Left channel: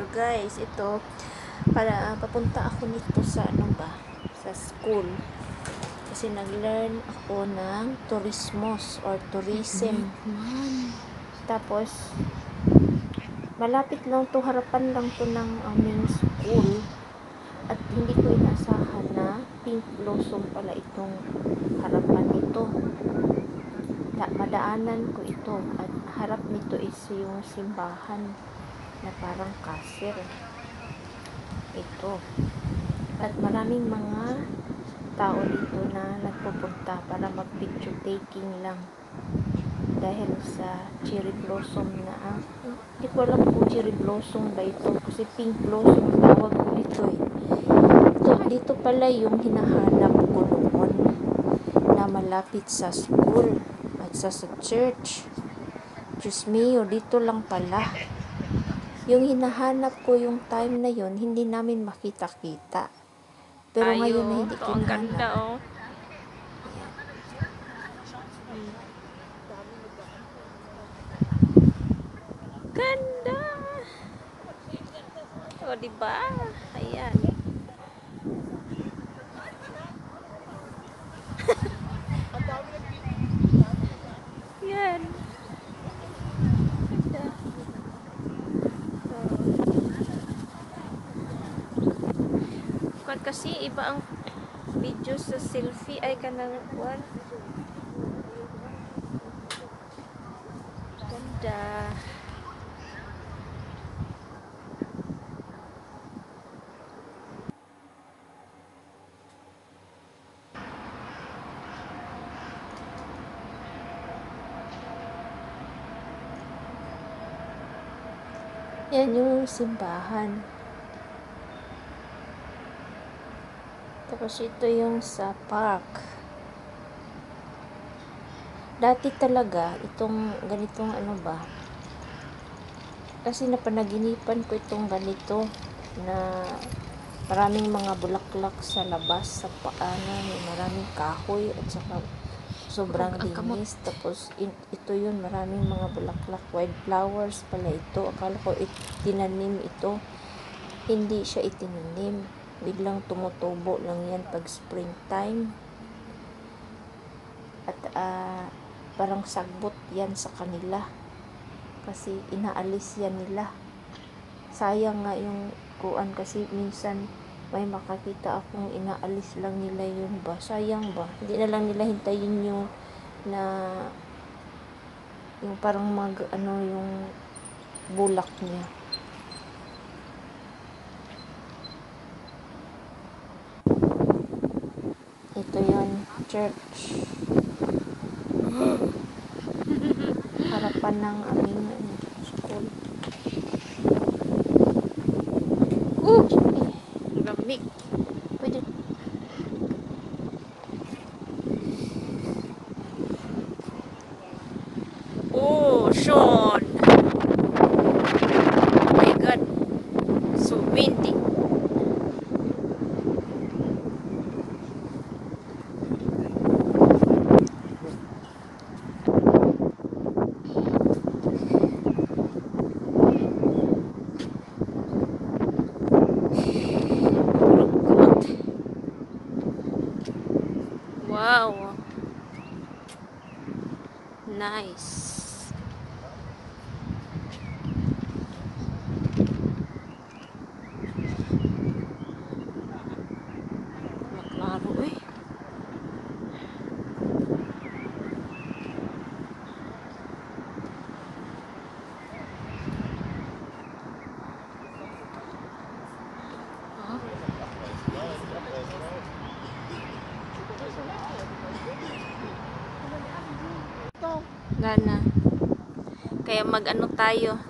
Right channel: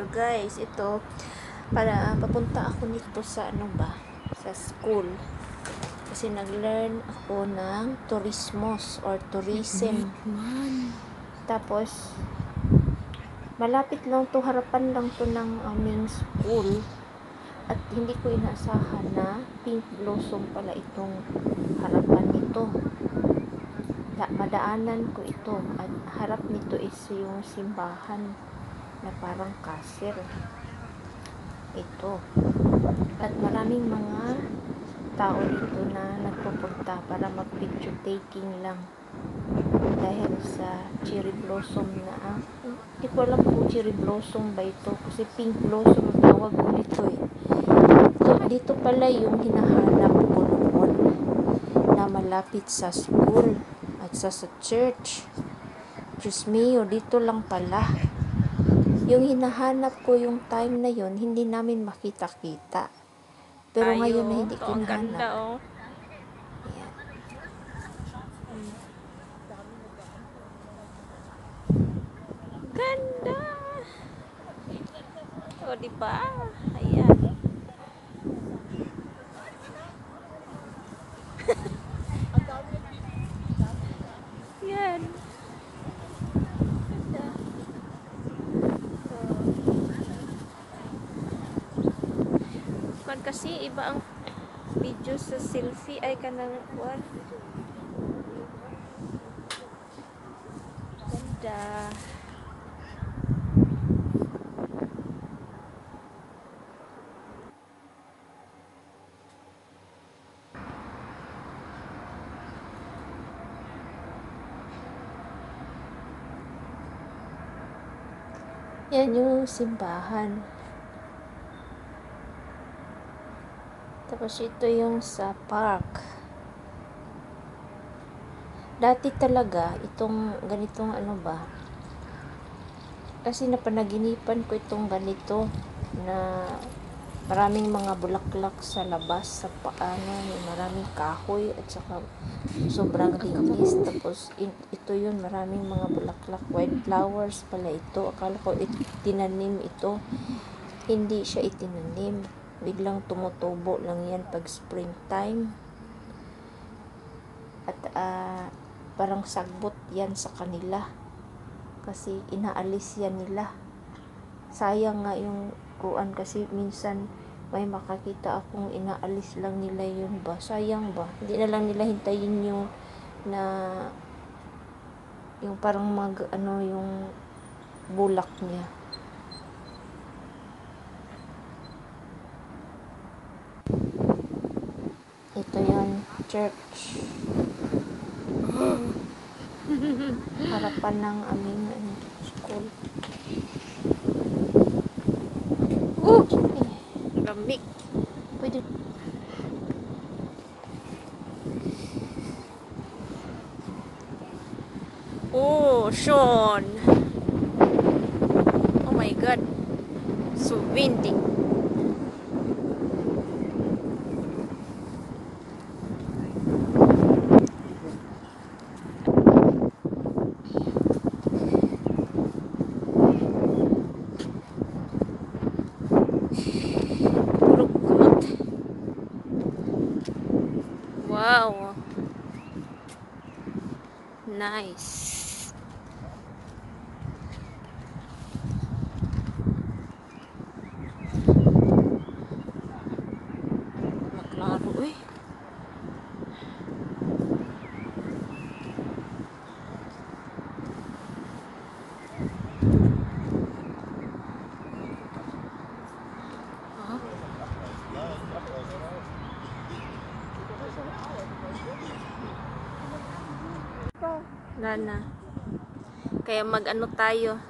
So guys, ito para papunta ako nito sa sa school. Kasi nag-learn ako ng tourism. Tapos malapit lang to, harapan lang to ng aming school. At hindi ko inaasahan na pink blossom pala itong harapan nito. Madaanan ko ito at harap nito is yung simbahan na parang kasir ito, at maraming mga tao dito na nagpupunta para mag picture taking lang dahil sa cherry blossom na hindi ko alam kung cherry blossom ba ito kasi pink blossom ang tawag ko nito dito pala yung hinahanap ko noon na malapit sa school at sa church. Diyos mio, dito lang pala. Yung hinahanap ko yung time na yon, hindi namin makita-kita. Pero ngayon na hindi ko nahanap. Ganda, oh. Ayan. Ganda! O, diba? Ayan. Yan. Ganda. Kasi iba ang video sa selfie ay kanang one. Ganda. Yan yung simbahan. Tapos ito yung sa park. Dati talaga, itong ganitong kasi napanaginipan ko itong ganito na maraming mga bulaklak sa labas, sa paano, may maraming kahoy at saka sobrang linis. Tapos ito yun, maraming mga bulaklak, white flowers pala ito. Akala ko tinanim ito. Hindi siya itinanim. Biglang tumutubo lang yan pag springtime. At parang sagbot yan sa kanila. Kasi inaalis yan nila. Sayang nga yung kuan kasi minsan may makakita akong inaalis lang nila yun ba. Sayang ba? Hindi na lang nila hintayin yung parang yung bulak niya. Ito yon, church. Harapan ng aming school. Lamig. Pwede. Oh, Sean. Oh my God. So windy. Wow. Nice. Maklaro eh. Gana. Kaya mag-ano tayo.